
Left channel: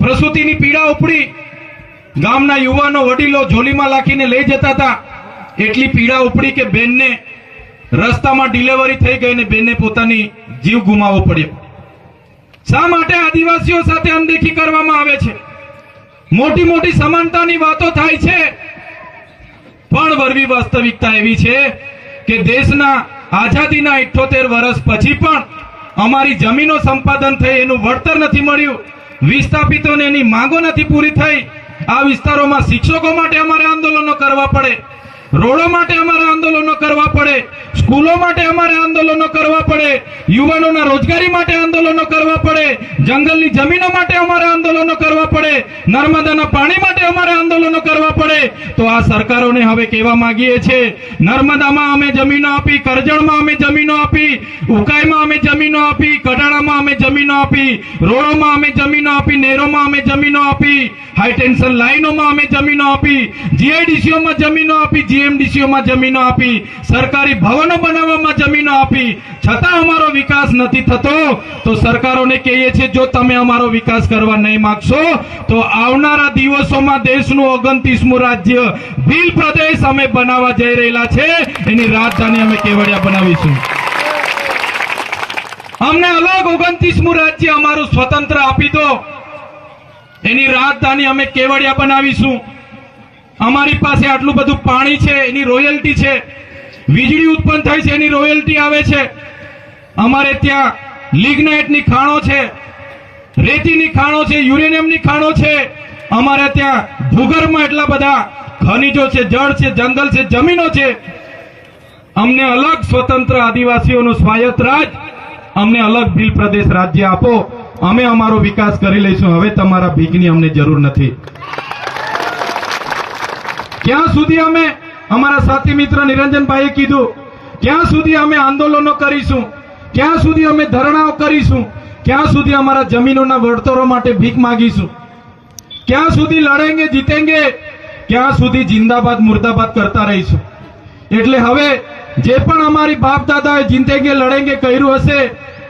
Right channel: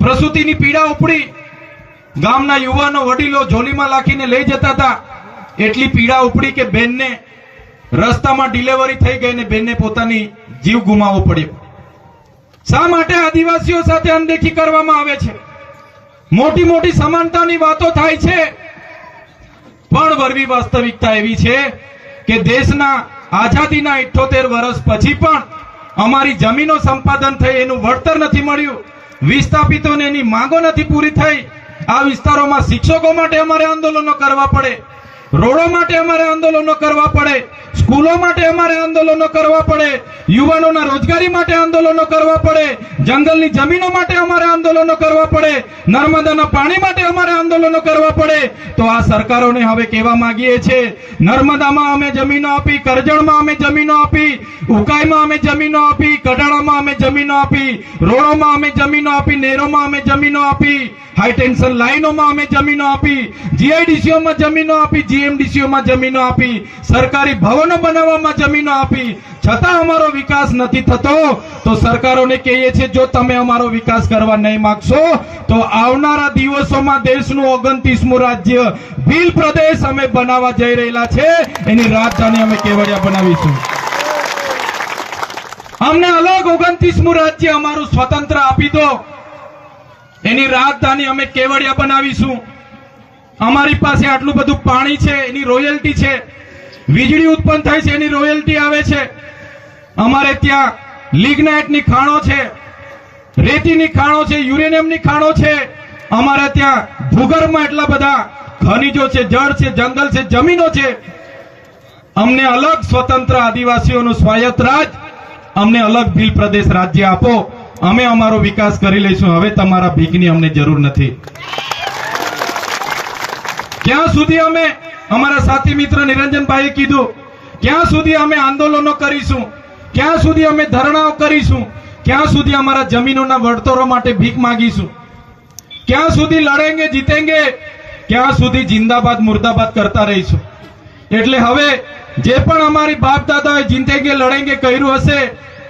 પ્રસૂતિની પીડા ઉપડી. ગામના યુવાનો વડીલો ઝોલીમાં લાખીને લઈ જતા હતા. એટલી પીડા ઉપડી કે બેનને રસ્તામાં ડિલિવરી થઈ ગઈ અને બેનને પોતાની જીવ ગુમાવવો પડ્યો. શા માટે આદિવાસીઓ સાથે અનદેખી કરવામાં આવે છે? મોટી મોટી સમાનતાની વાતો થાય છે, પણ વરવી વાસ્તવિકતા એવી છે કે દેશના આઝાદીના 78 વર્ષ પછી પણ અમારી જમીનો સંપાદન થઈ, એનું વળતર નથી મળ્યું. વિસ્થાપિતોને એની માંગો નથી પૂરી થઈ. આ વિસ્તારોમાં શિક્ષકો માટે અમારે આંદોલનો કરવા પડે, રોડો માટે અમારે આંદોલનો કરવા પડે, સ્કૂલો માટે અમારે આંદોલનો કરવા પડે, યુવાનોના રોજગારી માટે આંદોલનો કરવા પડે, જંગલની જમીનો માટે અમારે આંદોલનો કરવા પડે, નર્મદાના પાણી માટે અમારે આંદોલનો કરવા પડે. તો આ સરકારોને હવે કહેવા માંગીએ છીએ, નર્મદામાં અમે જમીનો આપી, કરજણમાં અમે જમીનો આપી, ઉકાઈમાં અમે જમીનો આપી, કડાણામાં અમે જમીનો આપી, રોડોમાં અમે જમીનો આપી, નહેરોમાં અમે જમીનો આપી, હાઈ ટેન્શન લાઈનોમાં અમે જમીનો આપી, જીઆઈડીસીઓમાં જમીનો આપી, જીએમડીસીઓમાં જમીનો આપી, સરકારી ભવનો બનાવવામાં જમીનો આપી, છતાં અમારો વિકાસ નથી થતો. તો સરકારોને કહીએ છીએ, જો તમે અમારો વિકાસ કરવા નહીં માંગશો તો આવનારા દિવસોમાં દેશનું 29મું રાજ્ય ભીલ પ્રદેશ અમે બનાવવા જઈ રહેલા છે. એની રાજધાની અમે કેવડિયા બનાવીશું. અમને અલગ 29મું રાજ્ય અમારું સ્વતંત્ર આપી દો. એની રાજધાની અમે કેવડિયા બનાવીશું. અમારી પાસે આટલું બધું પાણી છે, એની રોયલ્ટી છે. વીજળી ઉત્પન્ન થાય છે, એની રોયલ્ટી આવે છે. અમારે ત્યાં લિગ્નાઇટની ખાણો છે, રેતીની ખાણો છે, યુરેનિયમની ખાણો છે. અમારે ત્યાં ભૂગર્ભમાં એટલા બધા ખનિજો છે, જળ છે, જંગલ છે, જમીનો છે. અમને અલગ સ્વતંત્ર આદિવાસીઓનું સ્વાયત્ત રાજ, અમને અલગ ભીલ પ્રદેશ રાજ્ય આપો. અમે અમારો વિકાસ કરી લઈશું. હવે તમારા ભીખની અમને જરૂર નથી. ક્યાં સુધી અમે, અમારા સાથી મિત્ર નિરંજનભાઈએ કીધું, ક્યાં સુધી અમે આંદોલનો કરીશું, ક્યાં સુધી અમે ધરણાઓ કરીશું, ક્યાં સુધી અમારા જમીનોના વળતરો માટે ભીખ માંગીશું, ક્યાં સુધી લડેંગે જીતેંગે, ક્યાં સુધી જિંદાબાદ મુર્દાબાદ કરતા રહીશું. એટલે હવે જે પણ અમારી બાપ દાદાએ જીતેંગે લડેંગે કર્યું હશે,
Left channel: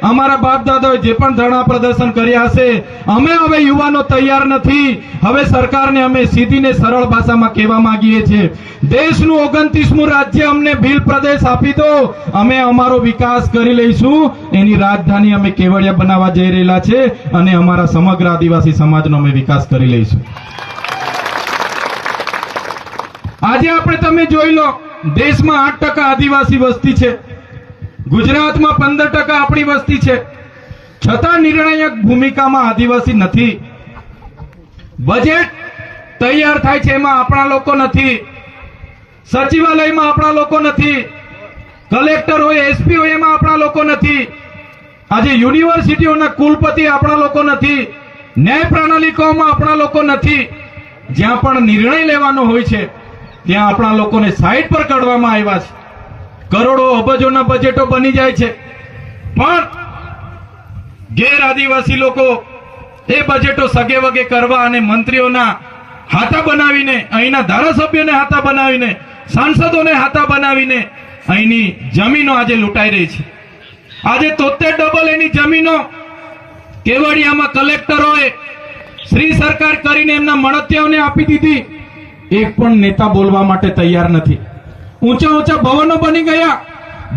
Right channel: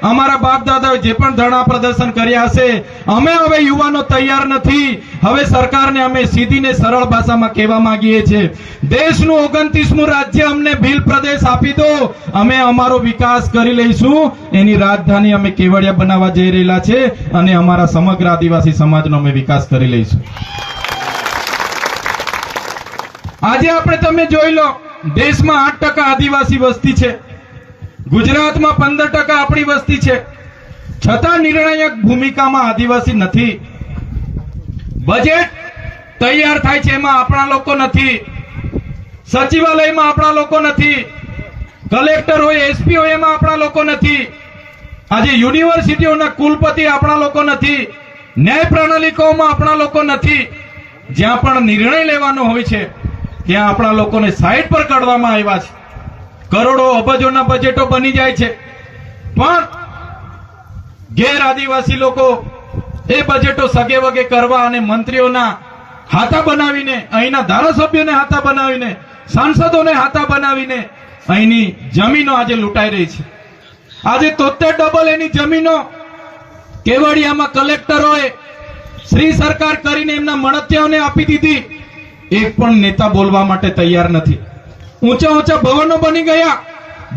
અમારા બાપ દાદાએ જે પણ ધરણા પ્રદર્શન કર્યા હશે, અમે હવે યુવાનો તૈયાર નથી. હવે સરકારને અમે સીધી ને સરળ ભાષામાં કહેવા માંગીએ છીએ, દેશનું 29મું રાજ્ય અમને ભીલ પ્રદેશ આપી દો. અમે અમારો વિકાસ કરી લઈશું. એની રાજધાની અમે કેવડિયા બનાવવા જઈ રહેલા છે અને અમારા સમગ્ર આદિવાસી સમાજનો અમે વિકાસ કરી લઈશું. આજે આપણે તમે જોઈ લો, દેશમાં 8% આદિવાસી વસ્તી છે, ગુજરાતમાં 15% આપણી વસ્તી છે, છતાં નિર્ણાયક ભૂમિકામાં આદિવાસી નથી. બજેટ તૈયાર થાય છે, એમાં આપણા લોકો નથી. સચિવાલયમાં આપણા લોકો નથી. કલેક્ટર હોય, એસપી હોય, એમાં આપણા લોકો નથી. આજે યુનિવર્સિટીઓના કુલપતિ આપણા લોકો નથી. ન્યાય પ્રણાલિકાઓમાં આપણા લોકો નથી. જ્યાં પણ નિર્ણય લેવાનો હોય છે ત્યાં આપણા લોકોને સાઈડ પર કાઢવામાં આવ્યા છે. કરોડો અબજોના બજેટો બની જાય છે, પણ ગેર આદિવાસી લોકો એ બજેટો સગે વગે કરવા અને મંત્રીઓના હાથા બનાવીને, અહીંના ધારાસભ્યોને હાથા બનાવીને, સાંસદોને હાથા બનાવીને અહીંની જમીનો આજે લૂંટાઈ રહી છે. આજે 73 એની જમીનો કેવડિયામાં કલેક્ટરોએ શ્રી સરકાર કરીને એમના મળતિયાઓને આપી દીધી. એક પણ નેતા બોલવા માટે તૈયાર નથી. ઊંચા ઊંચા ભવનો બની ગયા,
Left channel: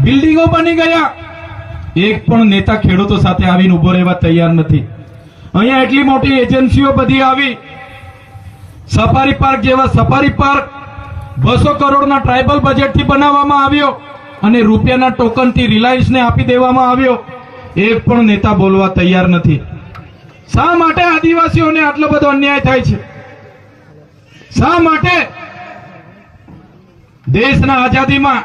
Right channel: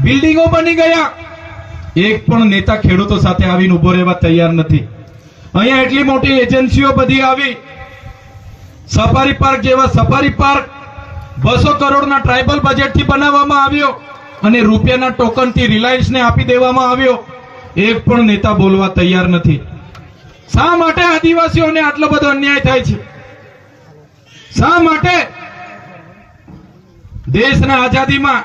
બિલ્ડિંગો બની ગયા. એક પણ નેતા ખેડૂતો સાથે આવીને ઉભો રહેવા તૈયાર નથી. અહીંયા એટલી મોટી એજન્સીઓ બધી આવી. સફારી પાર્ક જેવા સફારી પાર્ક 200 કરોડના ટ્રાઇબલ બજેટથી બનાવવામાં આવ્યો અને રૂપિયાના ટોકનથી રિલાયન્સને આપી દેવામાં આવ્યો. એક પણ નેતા બોલવા તૈયાર નથી. શા માટે આદિવાસીઓને આટલો બધો અન્યાય થાય છે? શા માટે? દેશના આઝાદીમાં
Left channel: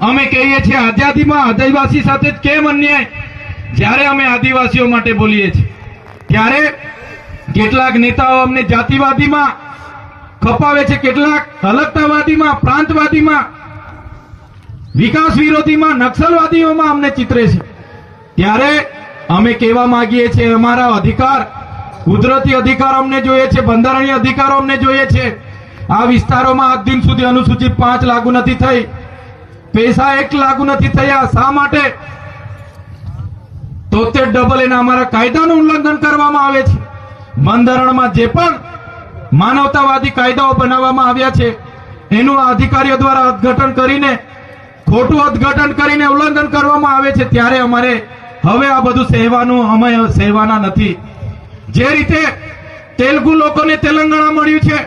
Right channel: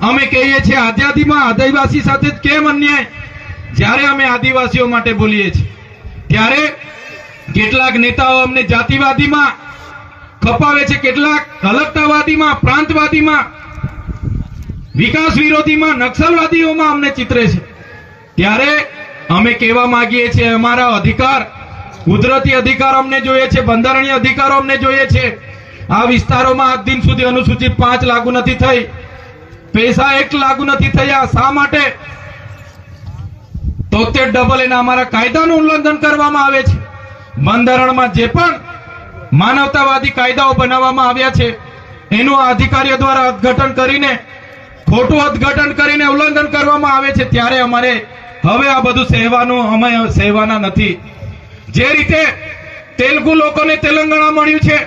અમે કહીએ છીએ, આઝાદીમાં આદિવાસી સાથે કેમ અન્યાય? જ્યારે અમે આદિવાસીઓ માટે બોલીએ છીએ ત્યારે કેટલાક નેતાઓ અમને જાતિવાદીમાં ખપાવે છે, કેટલાક અલગતાવાદીમાં, પ્રાંતવાદીમાં. વિકાસ વિરોધીમાં નક્સલવાદીઓમાં અમને ચિતરે છે, ત્યારે અમે કહેવા માંગીએ છીએ અમારા અધિકાર, કુદરતી અધિકાર અમને જોઈએ છે, બંધારણીય અધિકારો અમને જોઈએ છે. આ વિસ્તારોમાં આજ દિન સુધી અનુસૂચિત 5 લાગુ નથી થઈ, પૈસા 1 લાગુ નથી થયા. શા માટે? 73 એના અમારા કાયદાનું ઉલ્લંઘન કરવામાં આવે છે. બંધારણમાં જે પણ માનવતાવાદી કાયદાઓ બનાવવામાં આવ્યા છે એનું આ અધિકારીઓ દ્વારા અર્થઘટન કરીને, ખોટું અર્થઘટન કરીને ઉલ્લંઘન કરવામાં આવે છે. ત્યારે અમારે હવે આ બધું સહેવાનું, અમે સહેવાના નથી. જે રીતે તેલુગુ લોકોને તેલંગાણા મળ્યું છે,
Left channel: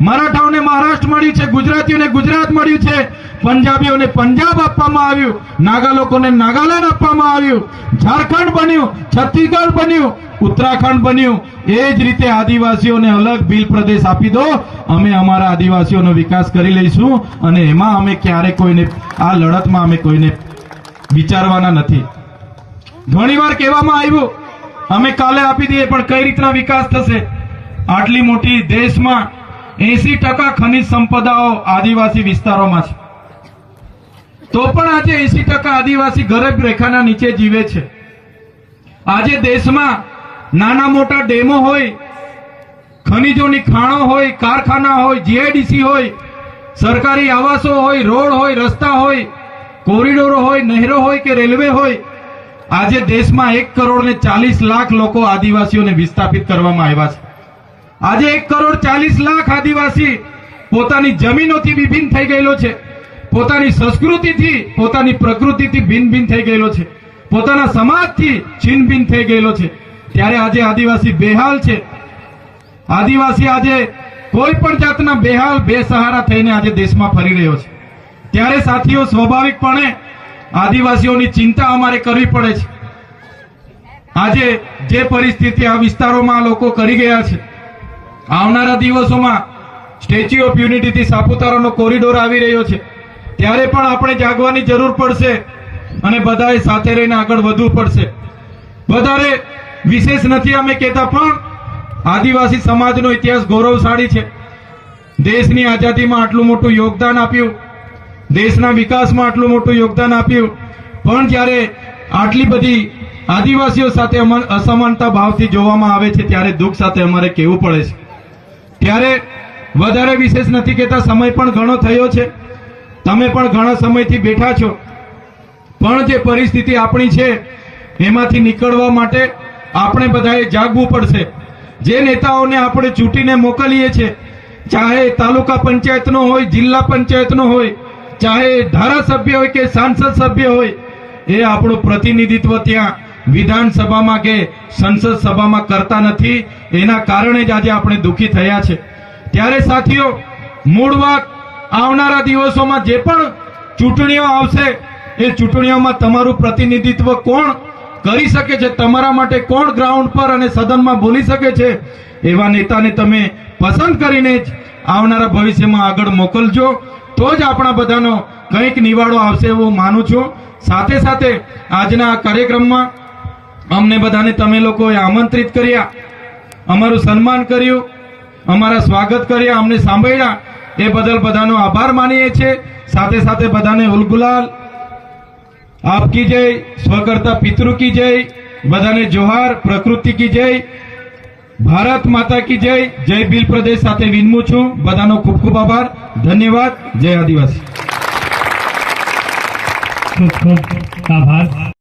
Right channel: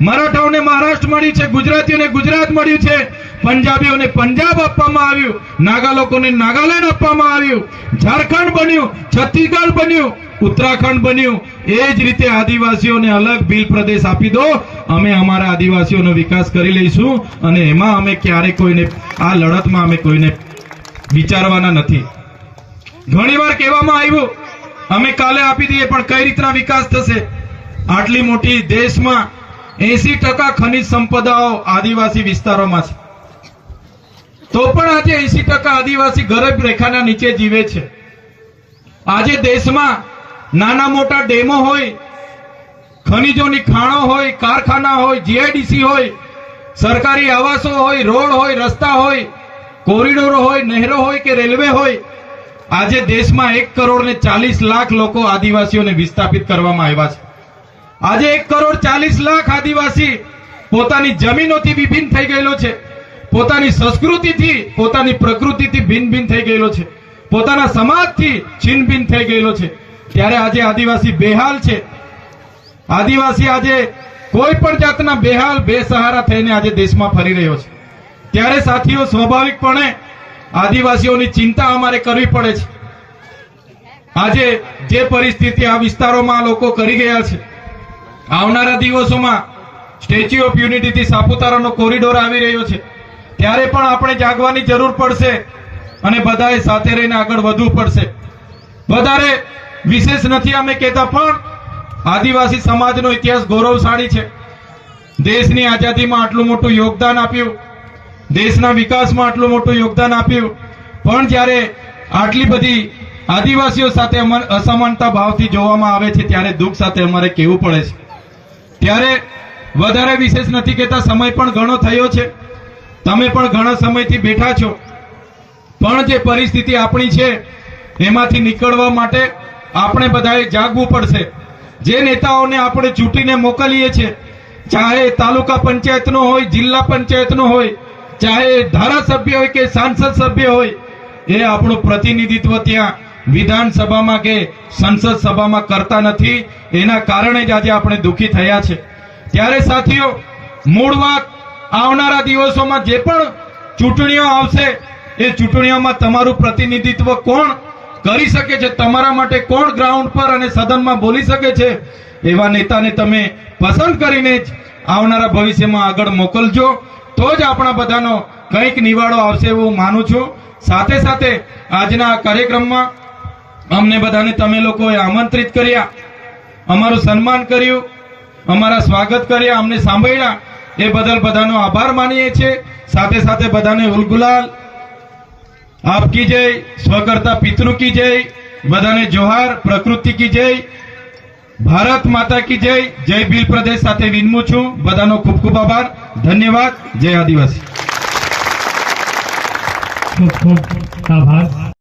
મરાઠાઓને મહારાષ્ટ્ર મળ્યું છે, ગુજરાતીઓને ગુજરાત મળ્યું છે, પંજાબીઓને પંજાબ આપવામાં આવ્યું, નાગા લોકોને નાગાલેન્ડ આપવામાં આવ્યું, ઝારખંડ બન્યું, છત્તીસગઢ બન્યું, ઉત્તરાખંડ બન્યું. એ જ રીતે આદિવાસીઓને અલગ ભીલ પ્રદેશ આપી દો, અમે અમારા આદિવાસીઓનો વિકાસ કરી લઈશું. અને એમાં અમે ક્યારે કોઈને, આ લડતમાં અમે કોઈને વિચારવાના નથી. ઘણીવાર કહેવામાં આવ્યું અમે કાલે આપી દઈએ, પણ કઈ રીતના વિકાસ થશે? આટલી મોટી દેશમાં 80% ખનિજ સંપદાઓ આદિવાસી વિસ્તારોમાં છે, તો પણ આજે 80% આદિવાસી ગરીબ રેખાના નીચે જીવે છે. આજે દેશમાં નાના મોટા ડેમો હોય, ખનિજોની ખાણો હોય, કારખાના હોય, જીઆઈડીસી હોય, સરકારી આવાસો હોય, રોડ હોય, રસ્તા હોય, કોરિડોરો હોય, નહેરો હોય કે રેલવે હોય. આજે દેશમાં 1,40,00,000 લોકો આદિવાસીઓને વિસ્થાપિત કરવામાં આવ્યા છે. આજે 1,40,00,000 આદિવાસી પોતાની જમીનોથી વિભિન્ન થઈ ગયેલો છે, પોતાની સંસ્કૃતિથી, પોતાની પ્રકૃતિથી ભિન્ન ભિન્ન થઈ ગયેલો છે, પોતાના સમાજથી છિન્ન ભિન્ન થઈ ગયેલો છે. ત્યારે આજે આદિવાસી બેહાલ છે. આદિવાસી આજે કોઈ પણ જાતના બેહાલ, બેસહારા થઈને આજે દેશમાં ફરી રહ્યો છે. ત્યારે સાથીઓ, સ્વાભાવિકપણે આદિવાસીઓની ચિંતા અમારે કરવી પડે છે. આજે જે પરિસ્થિતિ આ વિસ્તારોમાં લોકો કરી ગયા છે, આવનારા દિવસોમાં સ્ટેચ્યુ ઓફ યુનિટીથી સાપુતારાનો કોરિડોર આવી રહ્યો છે, ત્યારે પણ આપણે જાગવાની જરૂર પડશે અને બધાએ સાથે રહીને આગળ વધવું પડશે. વધારે વિશેષ નથી અમે કહેતા, પણ આદિવાસી સમાજનો ઇતિહાસ ગૌરવશાળી છે. દેશની આઝાદીમાં આટલું મોટું યોગદાન આપ્યું, દેશના વિકાસમાં આટલું મોટું યોગદાન આપ્યું, પણ જ્યારે આટલી બધી આદિવાસીઓ સાથે અસમાનતા ભાવથી જોવામાં આવે છે, ત્યારે દુઃખ સાથે અમારે કહેવું પડે છે. ત્યારે વધારે વિશેષ નથી કહેતા, સમય પણ ઘણો થયો છે, તમે પણ ઘણા સમયથી બેઠા છો, પણ જે પરિસ્થિતિ આપણી છે એમાંથી નીકળવા માટે આપણે બધાએ જાગવું પડશે. જે નેતાઓને આપણે ચૂંટીને મોકલીએ છીએ, ચાહે તાલુકા પંચાયતનો હોય, જિલ્લા પંચાયતનો હોય, ચાહે ધારાસભ્ય હોય કે સાંસદ સભ્ય હોય, એ આપણું પ્રતિનિધિત્વ ત્યાં વિધાનસભામાં કે સંસદ સભામાં કરતા નથી. એના કારણે જ આજે આપણે દુઃખી થયા છે. ત્યારે સાથીઓ, મૂળ વાત, આવનારા દિવસોમાં જે પણ ચૂંટણીઓ આવશે, એ ચૂંટણીઓમાં તમારું પ્રતિનિધિત્વ કોણ કરી શકે છે, તમારા માટે કોણ ગ્રાઉન્ડ પર અને સદનમાં બોલી શકે છે, એવા નેતાને તમે પસંદ કરીને જ આવનારા ભવિષ્યમાં આગળ મોકલજો. તો જ આપણા બધાનો કંઈક નિવાડો આવશે એવું માનું છું. સાથે સાથે આજના આ કાર્યક્રમમાં અમને બધાને તમે લોકોએ આમંત્રિત કર્યા, અમારું સન્માન કર્યું, અમારા સ્વાગત કર્યા, અમને સાંભળ્યા, એ બદલ બધાનો આભાર માનીએ છીએ. સાથે સાથે બધાને ઉલગુલાલ, આપ કી જય, સ્વકર્તા પિતૃ કી જય, બધાને જોહાર, પ્રકૃતિ કી જય, ભારત માતા કી જય. જય ભીલ પ્રદેશ સાથે વિનમું છું. બધાનો ખૂબ ખૂબ આભાર, ધન્યવાદ. જય આદિવાસી. ખૂબ ખૂબ આભાર.